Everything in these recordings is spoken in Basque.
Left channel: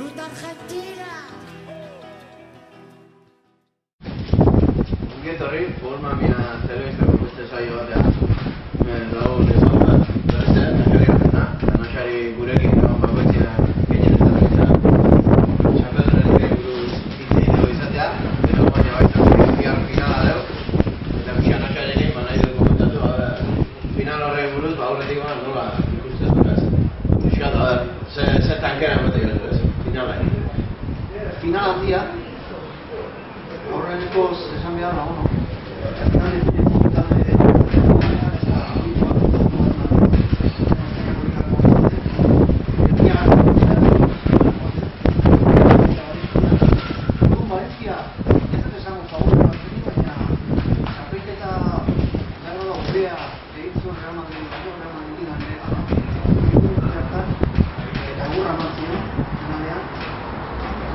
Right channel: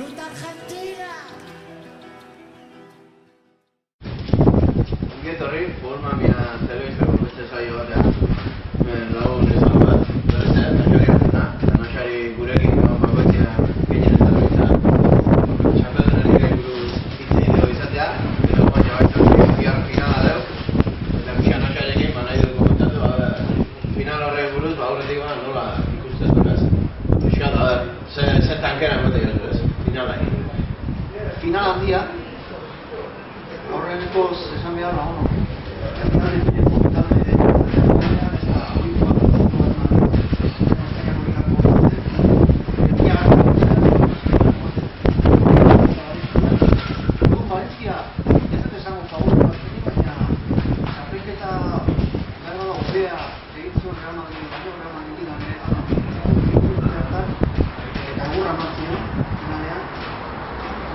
Ruta Argentina! Ongetorri, Formamia telebistako beste saio batean. Lagun esan bat, berrezen, Naxari Gartuna, eta Naxari gurekin bakoitzean gehien ez da behintzat. Txapeldunarik buruz hitz egiteko izatea, eta baina baitzak bihar finala deu, eta pixka Naxarekin nahi dut komentatu, final horrek buruz, aurretik nola ikustez dukaz. Pixka, zer tankera ematen jazu ez, finala. Final handia, aurreneko esan behar da, finalek komentatu ere,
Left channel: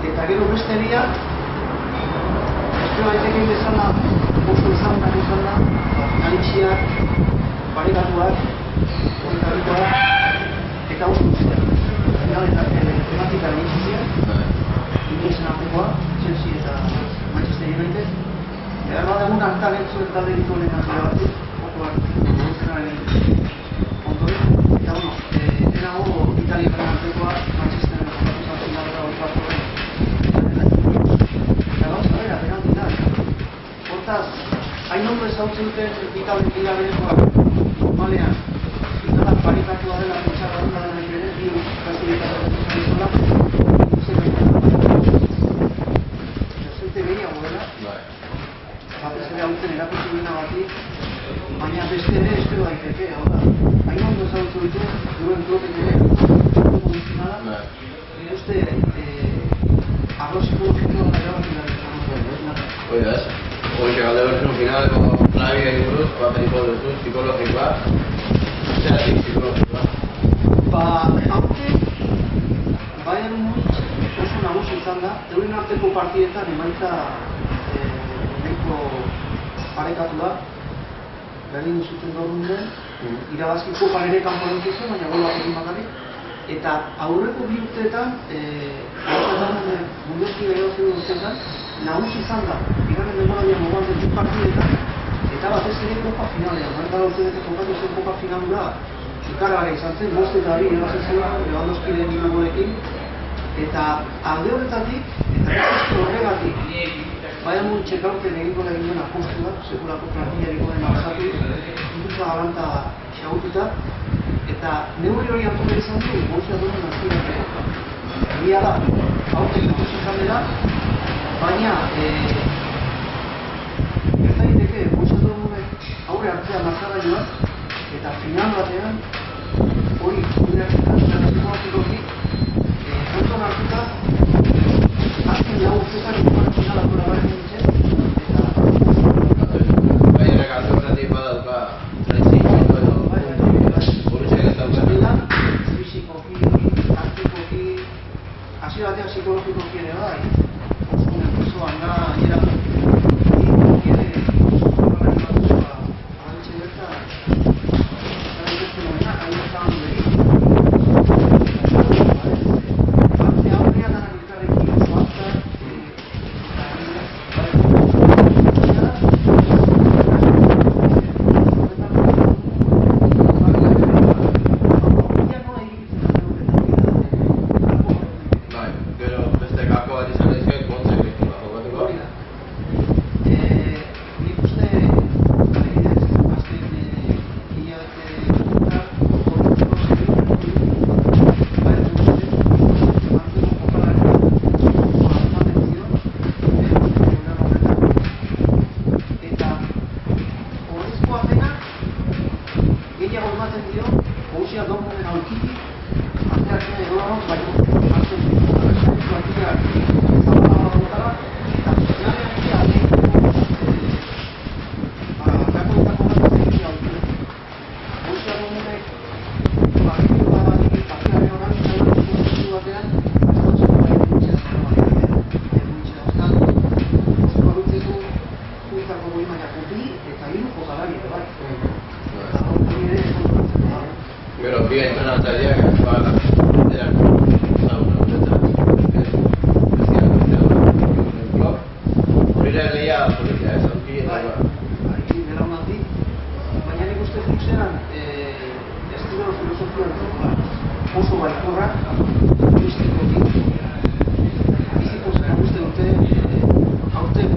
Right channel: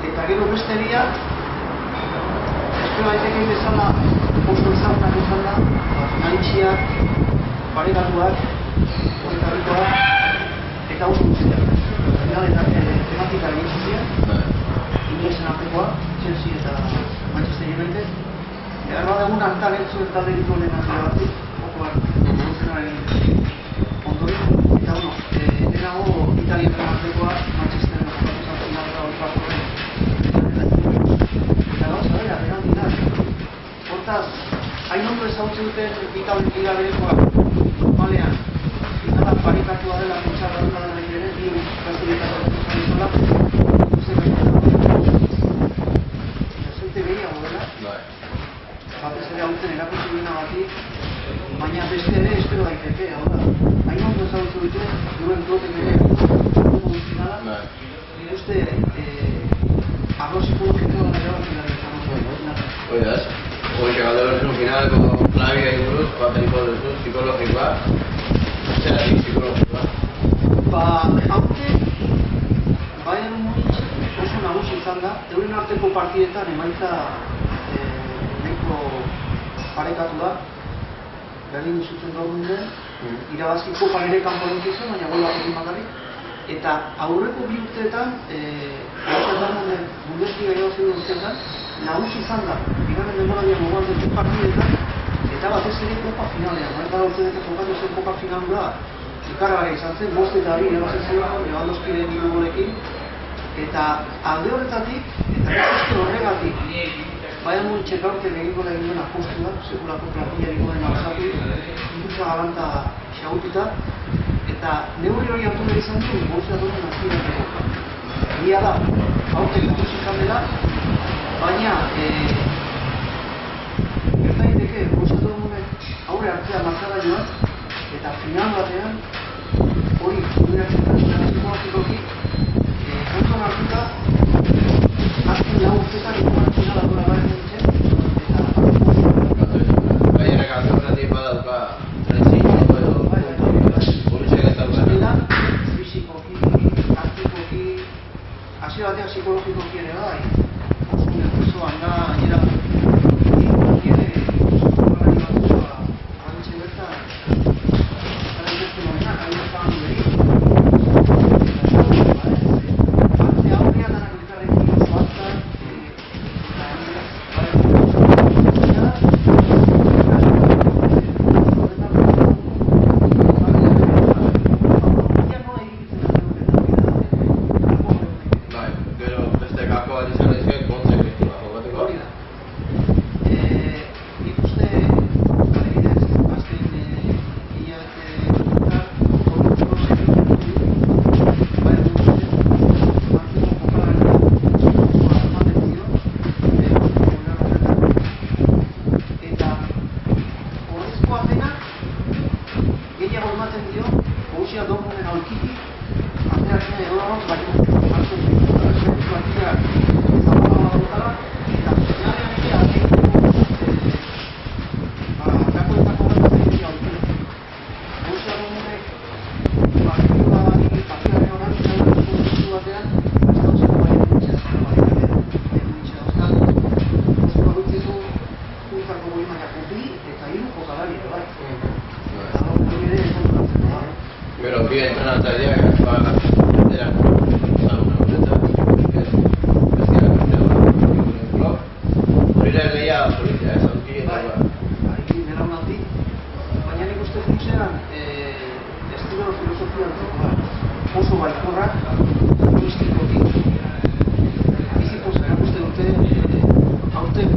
eta gero besteria espero daiteke bezala oso ezagunak izan da finalitxiak, parekatuak, horretarikoak eta oso guztiak finaletan tematika egin ziren inglesen artekoa, Chelsea eta Manchester United eta bat egun hartan entzuen talde ditu honen azte batzuk okoak zenaren ondoren eta denago Italiaren artekoa Manchesteren jokatu finalera horretako eta gauza bera, penalti da. Hortaz, hain ondo ezagutzen duten Italian liga berekoak normalean finala parekatua dela pentsara dut dela nahi bere, bi gaztiletako dut zola, ikusten zelte gehiago dela, batez ere hautzen erakutsi duena bati, baina beste ere espero daiteke, hau da. Hain ondo ezagutzen dute, duen kloten ere, dutuko dut finala, nire uste arlo psikologikoa da erabakin da. Oida ez, hoxe galde berzen finaleko klabia iguruz, bat egiko duzu, psikologikoa, zeratik psikologikoa? Haute, Bayern Munich oso nagusi izan da, euren arteko partidetan emaitza nahiko parekatu da, berdin zuten Dortmunden, irabazkiko ere kanpo zen, baina gol batekin bakarrik, eta aurreko bi urteetan, Bundesliga irabazi urteetan, nagusi izan da, bigarren denboraldian moduan den partidetan, eta batez ere kopa finalean. Horretara urteetan jokatu zen kopa finalura, ikargarria izan zen, 5 eta 2 irabazi zen Lewandowskiren 3 golekin, eta alde horretatik, eta beste horregatik, Bayern Munich aurten egingo da egin duen apostua, sekulako plantillariko dena basatu, impulsa galanta xagututa, eta neurri hori hartu nahi izan du, Borussia Dortmund azpiratzeko. Egia da, aurten ikusi izan dela, baina gerta daiteke Borussia Dortmundek aurre hartzea markagailuan eta final batean hori kudeaketan psikologikoki kontuan hartuta azken 4 urteetan ikuman final atora Bayern Munichen eta Bayernak alde horretik badauka trentziko edo Borussiak ez daukana fisikoki, taktikoki hasi batean psikologikoki ere bai oso nerviosoan da gainera ikusi ere jokalari batzuk abantxe bertan eta beste momenak abietaban beri arte aurrea danak elkarrekin oso azkar Pero bien entrenatzaileak eran zauna horretak, aurkia, aurki eta Bai, belaunaldi, baina nik uste funtzean estilo filosofia oso baikorrak, turistikotik, biziko zera guzti dute, aurten,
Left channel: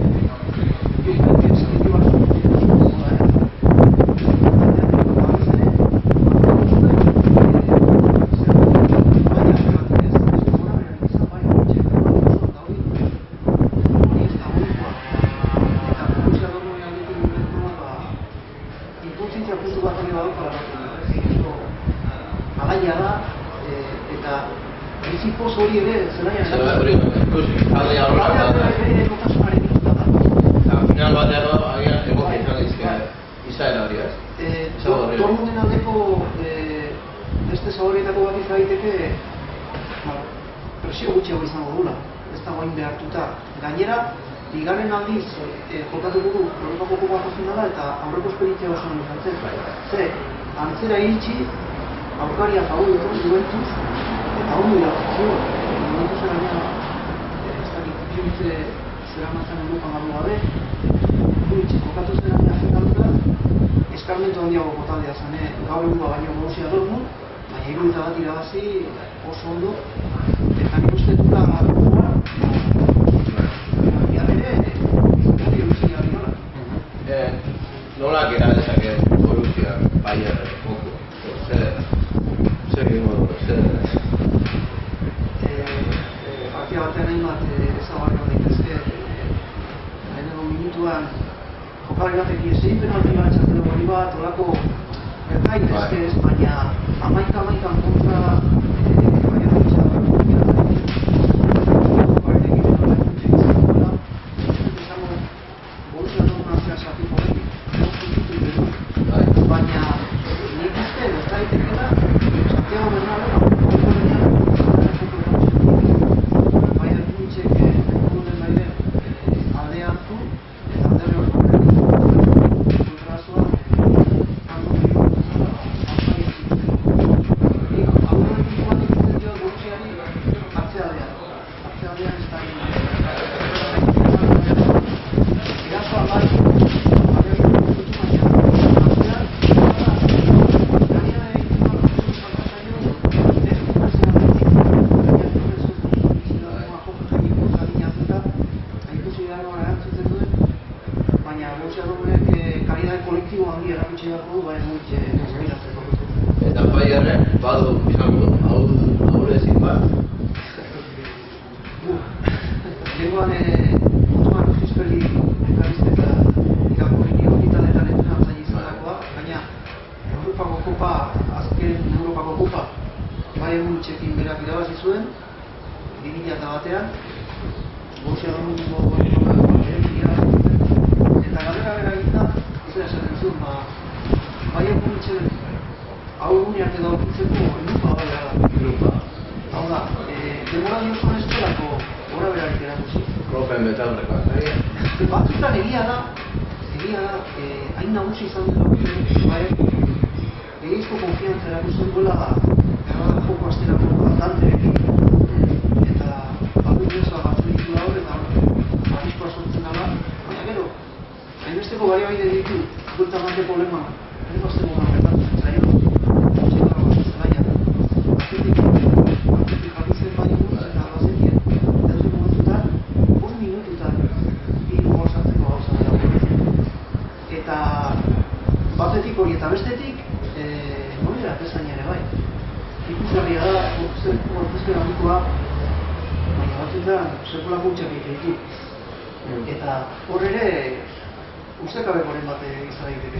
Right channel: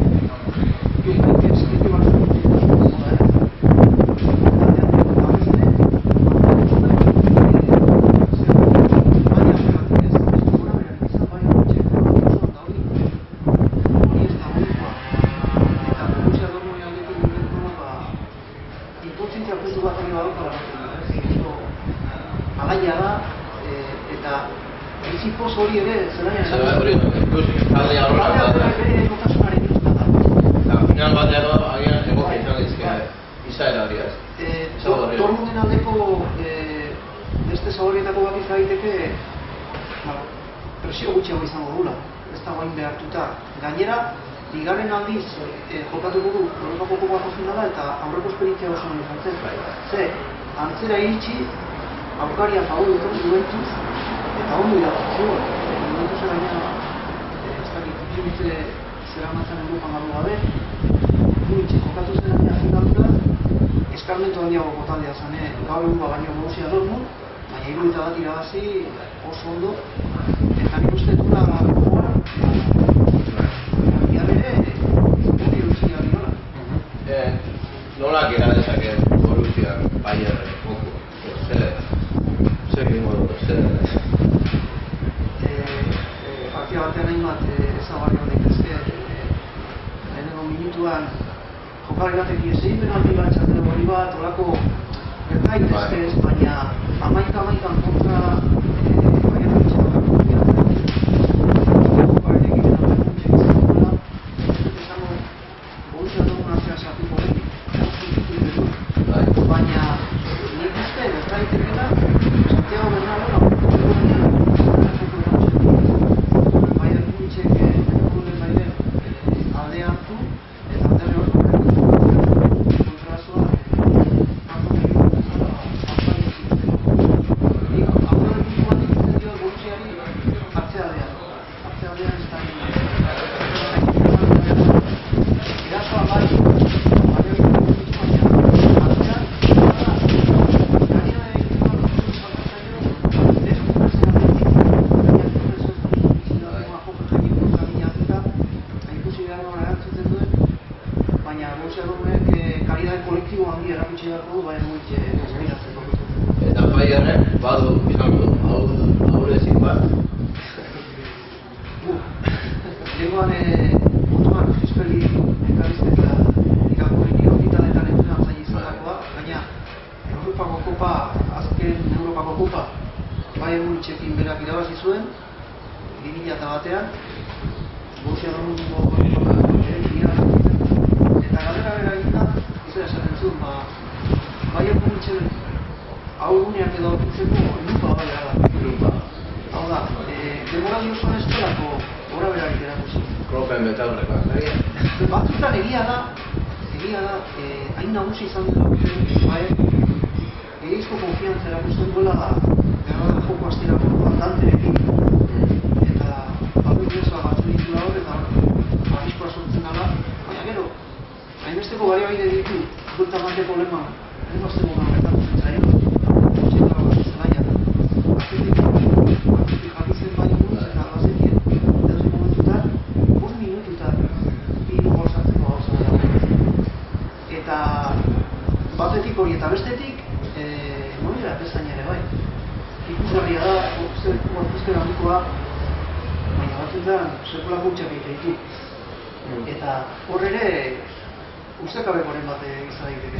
baita eskritu bat alaia da, eta bizipoz hori ere zelaian hori ikusi, talde horrela da. Kotasunaren ikusten da. Eta final batean agian egoki izan daizke izaera hori, ez? Dortmunden aldeko beste zaborrietako bat izan daiteke presio gutxiago izango dula, ez da guain behartuta. Gainera, bigarren aldiz jokatuko du Europako Kopako finala eta aurreko esperientzia oso izan zen. Ze, antzera iritsi, aurkaria favor dut Juventus, eta ondo irabazio. Juventus eraina, ez dakit, Juventus zera matzan Europan gabe gabe, Juventus jokatu zeraina finaluta, eskarmentu handiago taldea zen, gaur egun baino Borussia Dortmund, baina 71 irabazi oso ondo, eta nik uste dula gogoa, bihar ere, hori erutzia dira. Nola gera dezake Borussia Bayern joko? Zer egingo du, partia batean egin bat ezagarri hon daitezke, lehenengo minutuan jokalari batek ezin penalti bat txartelo hori bat, olako gerta daitezke ez, baina amaikan kontra baina bitxea da jokalari egiten hau eguntxek izan duela, ez dut esango Borussia Dortmund artea sartuko den, baina nik uste gerta daitekela Santiago Bernabéu ondo denean zerako eratzen Bayern Munchek lehiko den bailen alde hartu eta alde horreko berri kontrazoa hango egin bezala alpaia zituzteko. Aurreko ekipo bat ikusten dio Borussiari atzealdean ez da erasoa bai baina Borussia Dortmundek kalidade kolektibo handi erakutsi beharko du Bayern Munich inspiratzeko. Eta Bayernek badu izango du, ahulezin bat. Lehenkoan Otman Fispeli elkarrizketa irakurri nion, italetan entrenatzaile izandakoa, baina Europako Kopa, azken Europako Kopa Bayern Munichekin berak irabazi zuen 2001an, Borussia Dortmundeko eta galera bera egiten da, izan esaten zuen, Bayern Munichen hau guneak edo aurkitzeko lupa bai gara. Lupa. Hau da, demoraldi osoan eskolako gora berarik erakusi. Kloppen betaurreko, Batzutan egia da, hain nagusi izan dut Bayern, gehiagizko konfiantza erakusten duela gara joko asterako orduan Danterekin, eta batu guztua batzu ditu da hor, eta arriskoa sortzen dela, baina gero, hainbesteko baliabide ditu, buelta manteko lema, hainbesteko gertatzen zaio, txeka zelaia. Atzetik jarrizten baina buruz eta bazetien, dauzi momentutan, 5 minututan, 3 gol sartzeko gauza dela. Eta batetik hori eta bestetik, monera pezaina ere bai. Ikusgarria da, gorpuzkera handikoa, baina batzutan sekulako utxak ditu. Eta hor ere, ustekabekoren bat izan daiteke.